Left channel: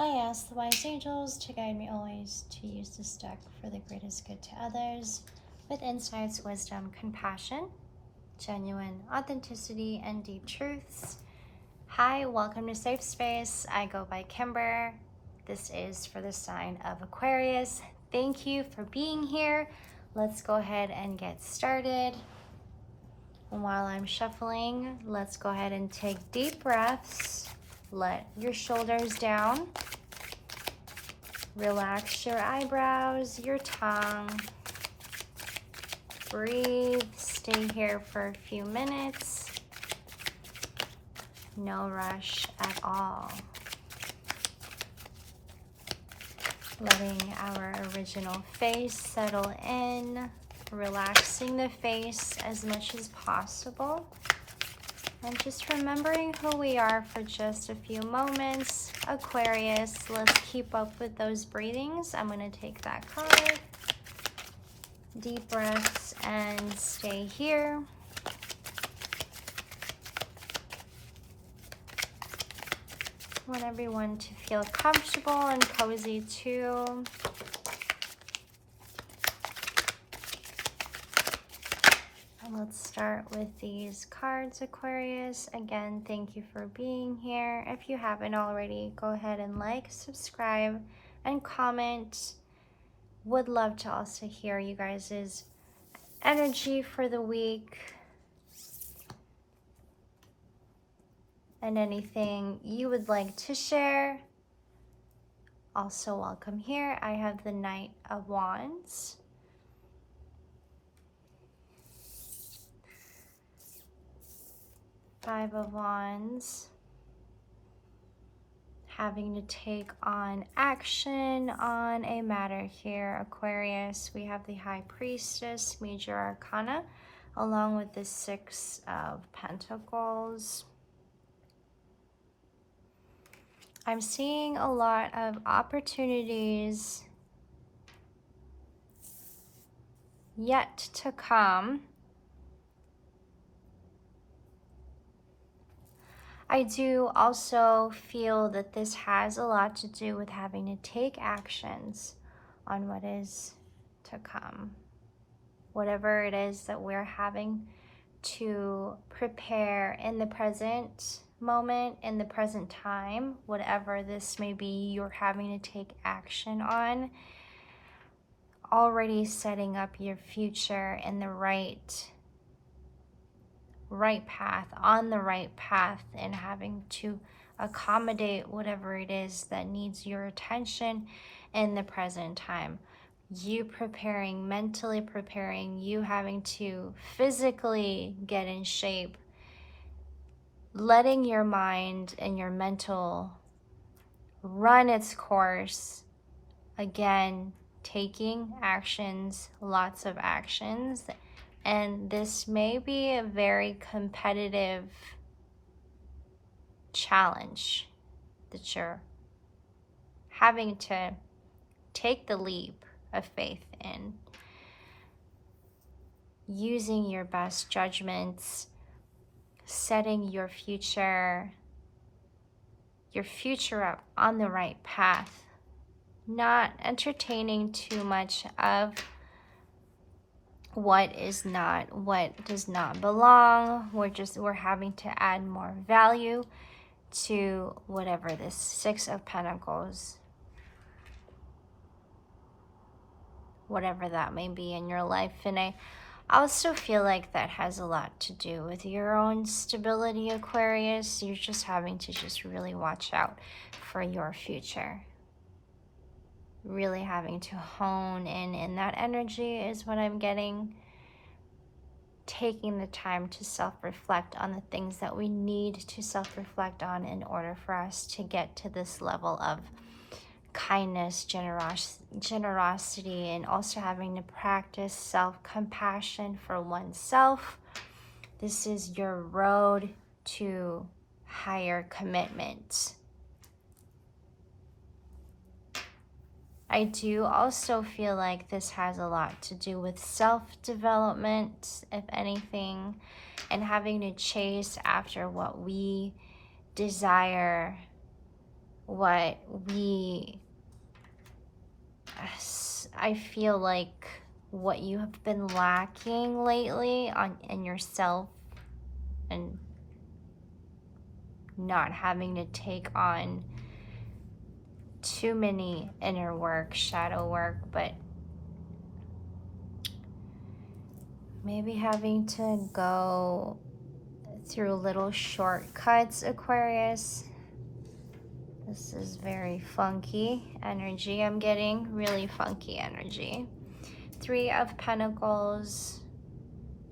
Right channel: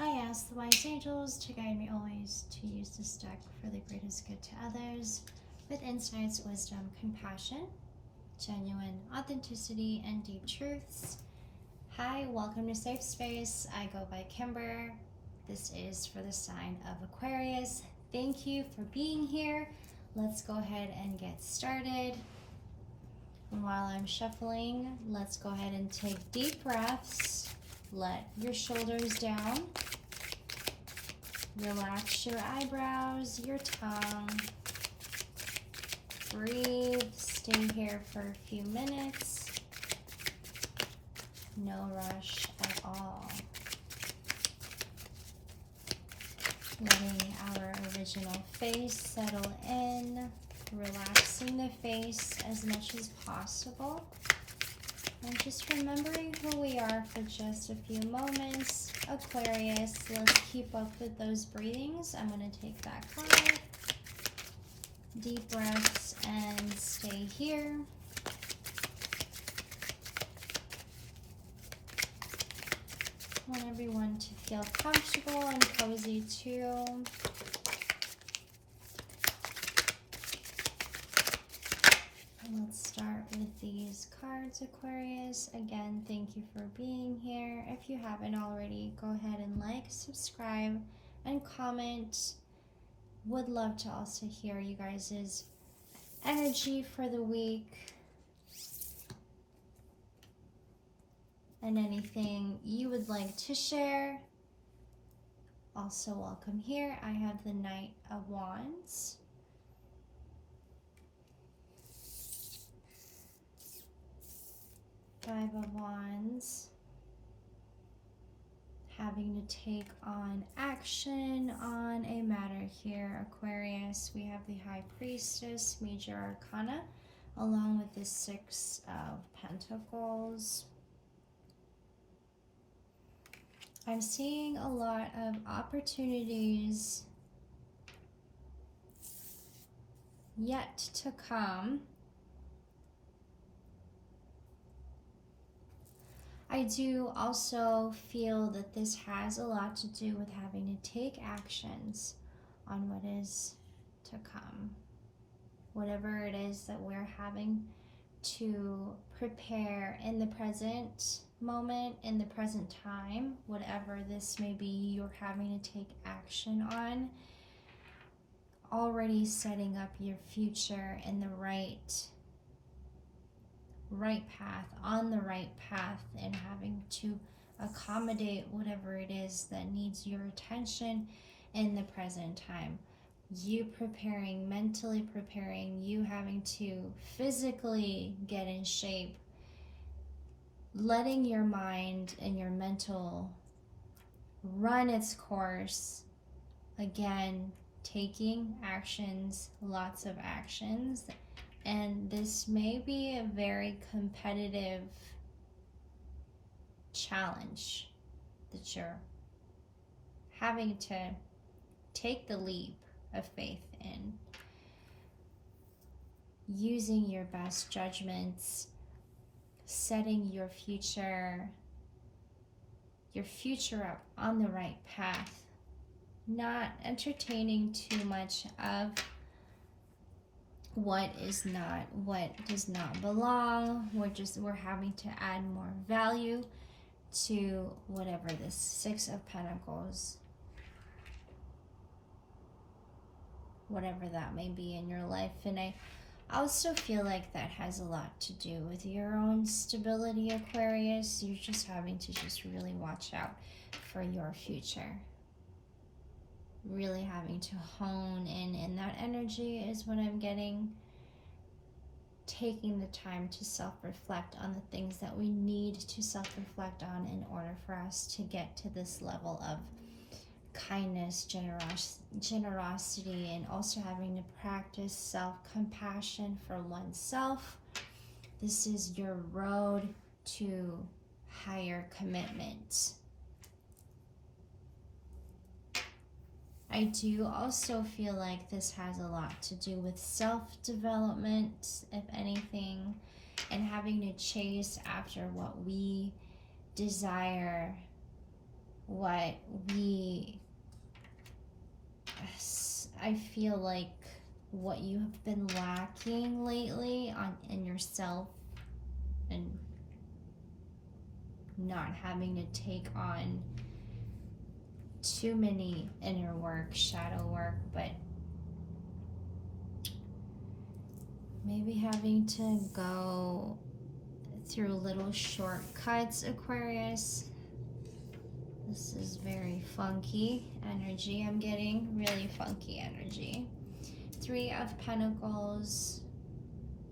I ask the wise angels to guide me always to use this deck for the greatest good to others, with insights, wisdom, compassion, genuine authenticity, and deep truths. Hi, welcome to Safe Space. I go by Kimber. This is for the sign of Aquarius. Thank you for being here. Let's go ahead and get started. And while I'm shuffling, let's go ahead and take deep breaths. Let your shoulders down. Relax your eyebrows, your tongue. Breathe. Stay here for a few minutes. No rush at all. Letting our original face settle in. Relaxing the face as much as possible. And just remembering who we are for just a few moments. Aquarius, let's keep up with those breathings. I'm going to take that card. Deep breaths and stay here. I want everyone to feel comfortable and cozy too. Let's start with these cards, Aquarius. Again, thank you for being here. If you haven't already, go ahead and like, subscribe, and comment. Would love to also hear you guys' energy for the week. And anything you would like to share. Also welcome here. I have the Knight of Wands. Five of Wands, having to take on action on a matter here, Aquarius. We have the High Priestess, Major Arcana, along with the Six of Pentacles. I'm seeing a lot of opportunities yet to come. I do also feel that this has a lot to do with having to take actions on what is to come. Whatever it is that we're having to prepare in the present moment, in the present time, whatever this may be, you're having to take action on. Already setting up your future in the right path, on the right path, and having to accommodate whatever it is that needs your attention in the present time. You preparing, mentally preparing, you having to physically get in shape, letting your mind and your mental run its course. Again, taking actions, lots of actions. And this may be a very competitive challenge that you're having to take the leap of faith in. Using your best judgments, setting your future up on the right path. Not entertaining too much of what does not belong. We're having to add more value to whatever this Six of Pentacles, whatever that may be in your life. And I also feel like that has a lot to do with your own stability, Aquarius. You're just having to just really watch out for your future. Really having to hone in that energy is what I'm getting. Taking the time to self-reflect on the things that we need to self-reflect on in order for us to get to this level of kindness, generosity, and also having to practice self-compassion for oneself. This is your road to higher commitment. I do also feel like this has a lot to do with self-development, if anything, and having to chase after what we desire, what I feel like what you have been lacking lately in yourself, and not having to take on too many inner work, shadow work, but maybe having to go through little shortcuts, Aquarius. This is very funky energy I'm getting, really funky energy. 3 of Pentacles.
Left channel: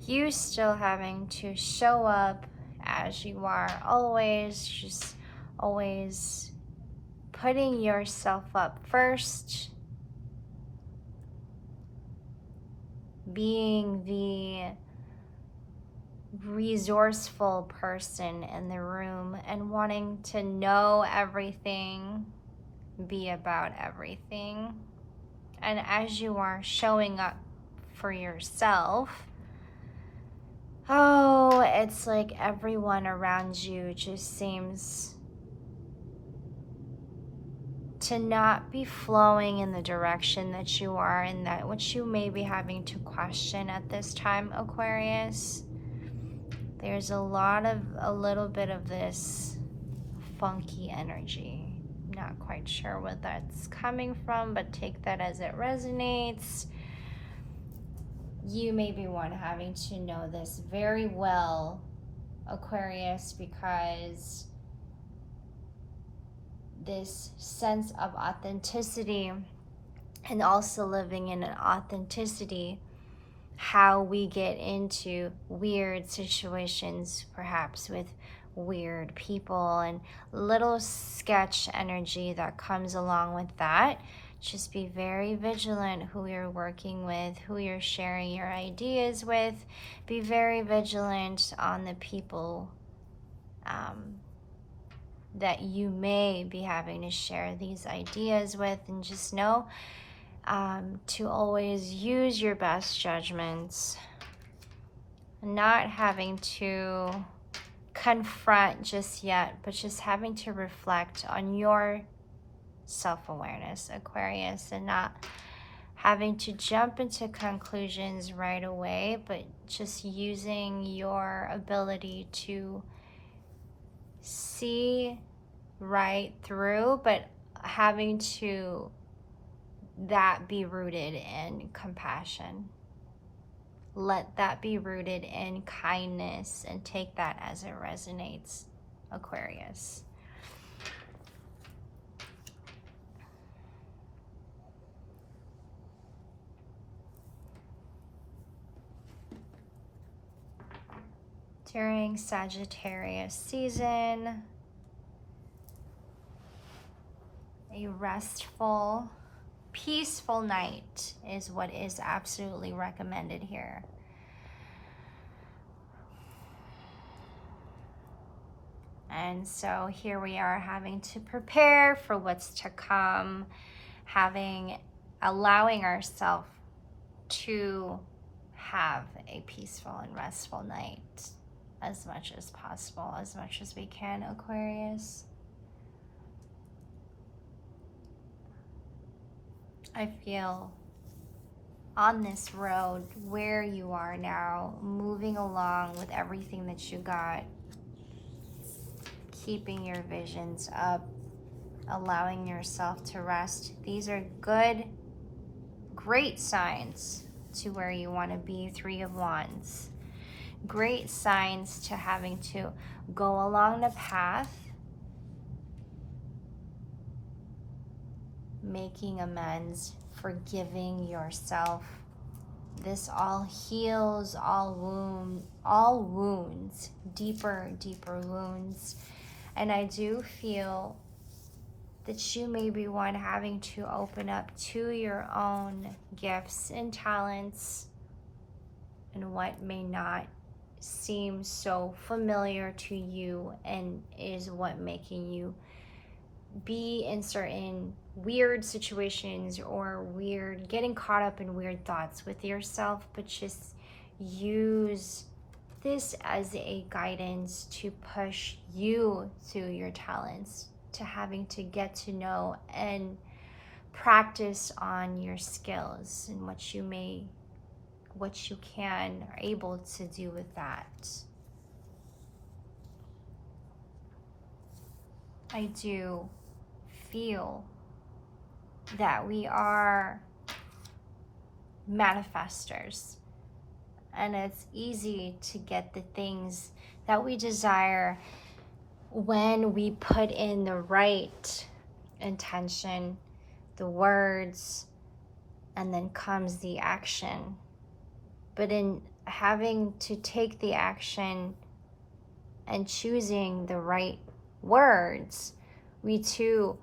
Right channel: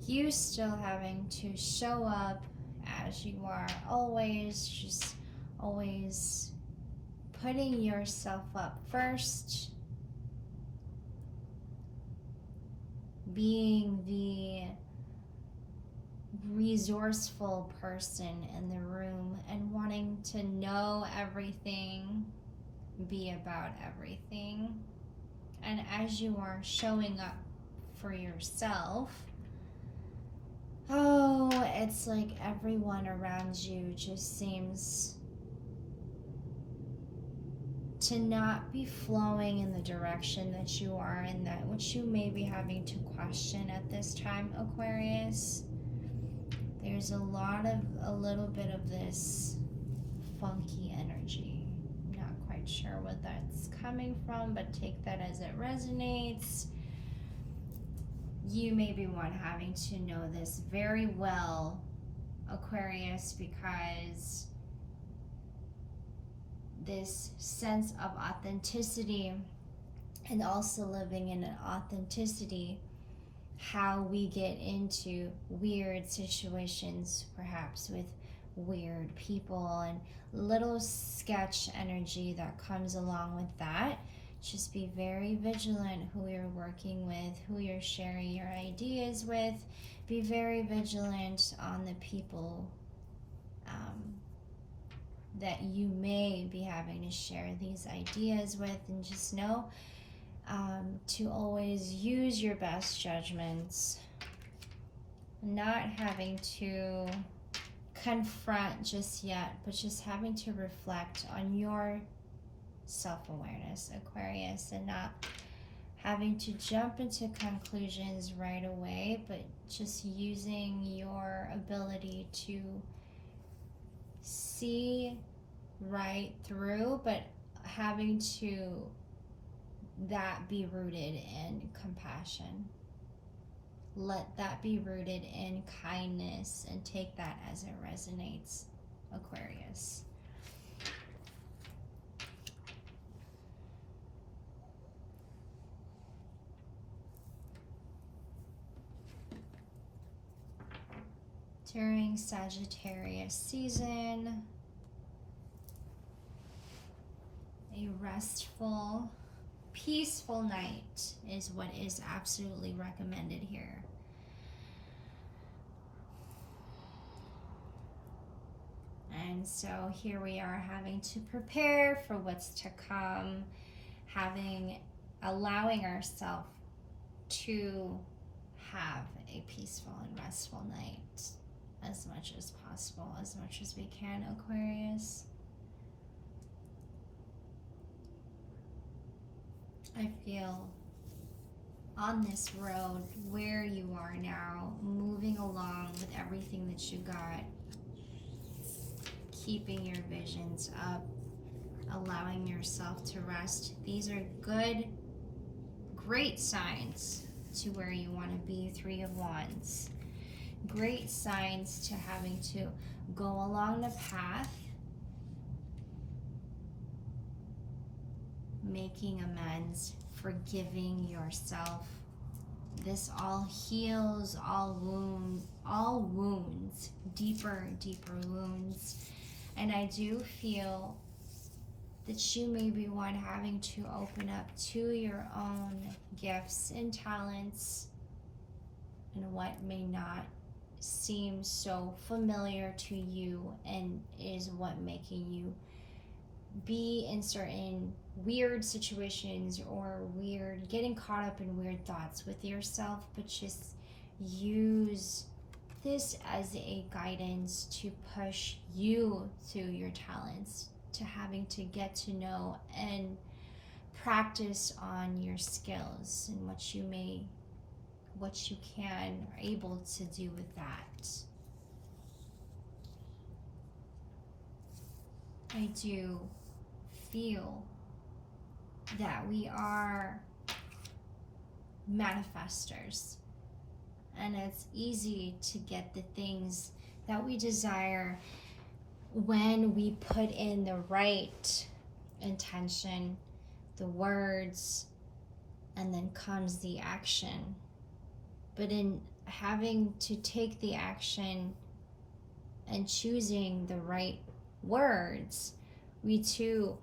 You still having to show up as you are always, just always putting yourself up first, being the resourceful person in the room and wanting to know everything, be about everything. And as you are showing up for yourself, oh, it's like everyone around you just seems to not be flowing in the direction that you are, and that which you may be having to question at this time, Aquarius. There's a little bit of this funky energy. Not quite sure what that's coming from, but take that as it resonates. You may be one having to know this very well, Aquarius, because this sense of authenticity, and also living in an authenticity, how we get into weird situations, perhaps with weird people, and little sketch energy that comes along with that. Just be very vigilant who you're working with, who you're sharing your ideas with. Be very vigilant on the people that you may be having to share these ideas with, and just know to always use your best judgments, not having to confront just yet, but just having to reflect on your self-awareness, Aquarius, and not having to jump into conclusions right away, but just using your ability to see right through, but having to that be rooted in compassion. Let that be rooted in kindness, and take that as it resonates, Aquarius. During Sagittarius season, a restful, peaceful night is what is absolutely recommended here. And so here we are, having to prepare for what's to come, allowing ourselves to have a peaceful and restful night as much as possible, as much as we can, Aquarius. I feel on this road where you are now, moving along with everything that you got, keeping your visions up, allowing yourself to rest. These are good, great signs to where you want to be. 3 of Wands. Great signs to having to go along the path, making amends, forgiving yourself. This all heals all wounds, deeper wounds. And I do feel that you may be one having to open up to your own gifts and talents, and what may not seem so familiar to you, and is what making you be in certain weird situations, or getting caught up in weird thoughts with yourself. But just use this as a guidance to push you through your talents, to having to get to know and practice on your skills and what you can are able to do with that. I do feel that we are manifestors, and it's easy to get the things that we desire when we put in the right intention, the words, and then comes the action. But in having to take the action and choosing the right words, we too,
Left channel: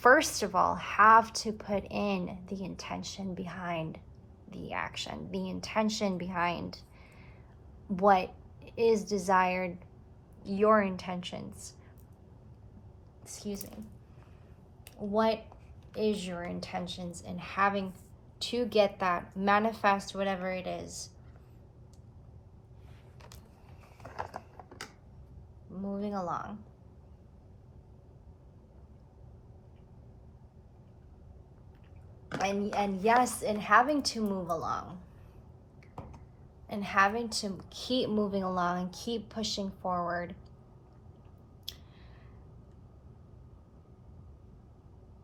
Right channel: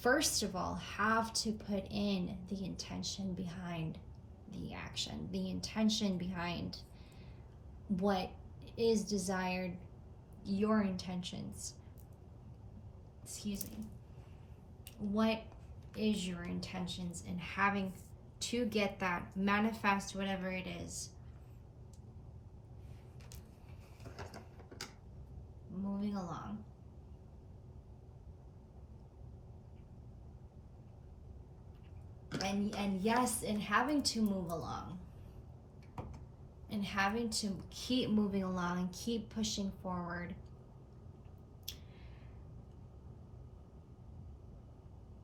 first of all, have to put in the intention behind the action, the intention behind what is desired, your intentions. Excuse me. What is your intentions in having to get that, manifest whatever it is. Moving along. And yes, in having to move along, and having to keep moving along and keep pushing forward,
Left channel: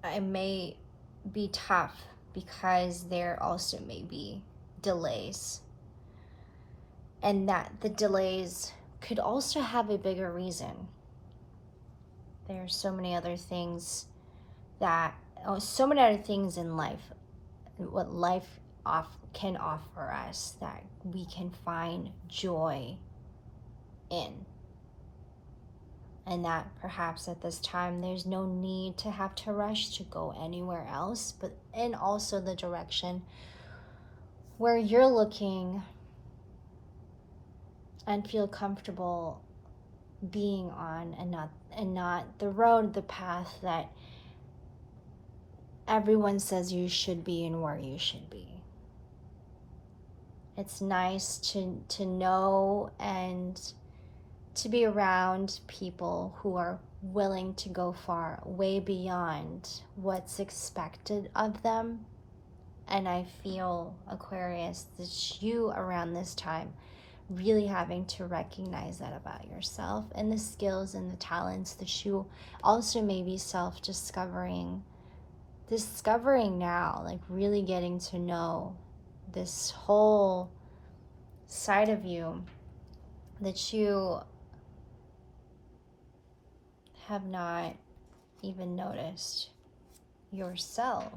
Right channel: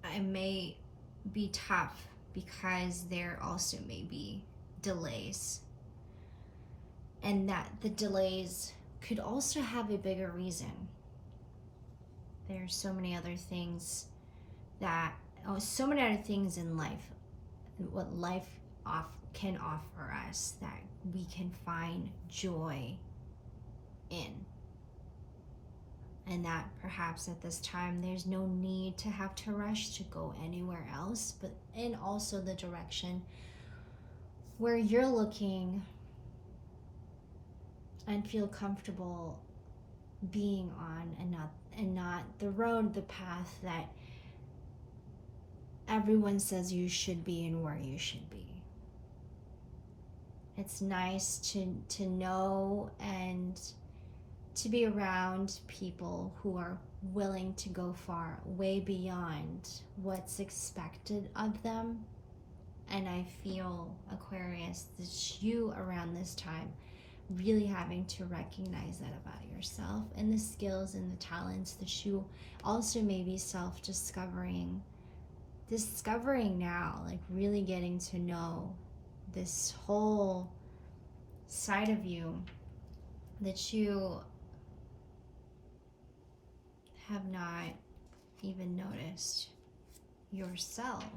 it may be tough because there also may be delays, and that the delays could also have a bigger reason. There are so many other things in life, what life can offer us, that we can find joy in. And that perhaps at this time there's no need to have to rush to go anywhere else, but in also the direction where you're looking and feel comfortable being on, and not the road, the path that everyone says you should be and where you should be. It's nice to know and to be around people who are willing to go far, way beyond what's expected of them. And I feel, Aquarius, that you around this time really having to recognize that about yourself, and the skills and the talents that you also may be discovering now, like really getting to know this whole side of you that you have not even noticed yourself.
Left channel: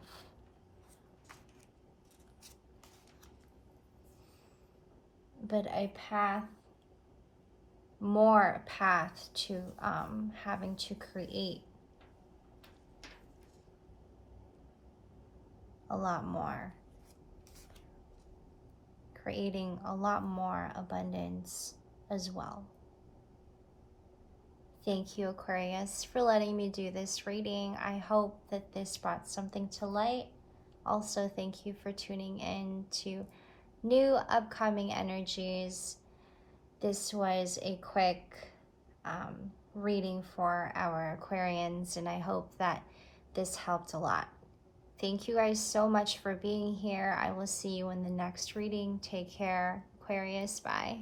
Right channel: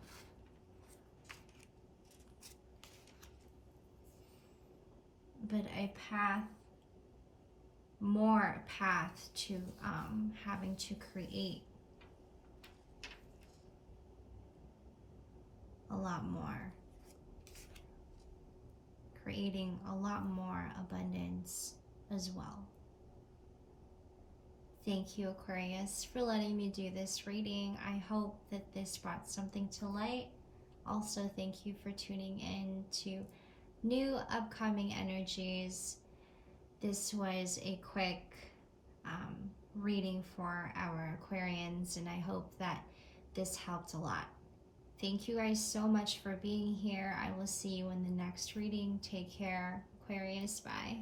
But more path to having to create a lot more, creating a lot more abundance as well. Thank you, Aquarius, for letting me do this reading. I hope that this brought something to light. Also, thank you for tuning in to new upcoming energies. This was a quick reading for our Aquarians, and I hope that this helped a lot. Thank you guys so much for being here. I will see you in the next reading. Take care, Aquarius. Bye.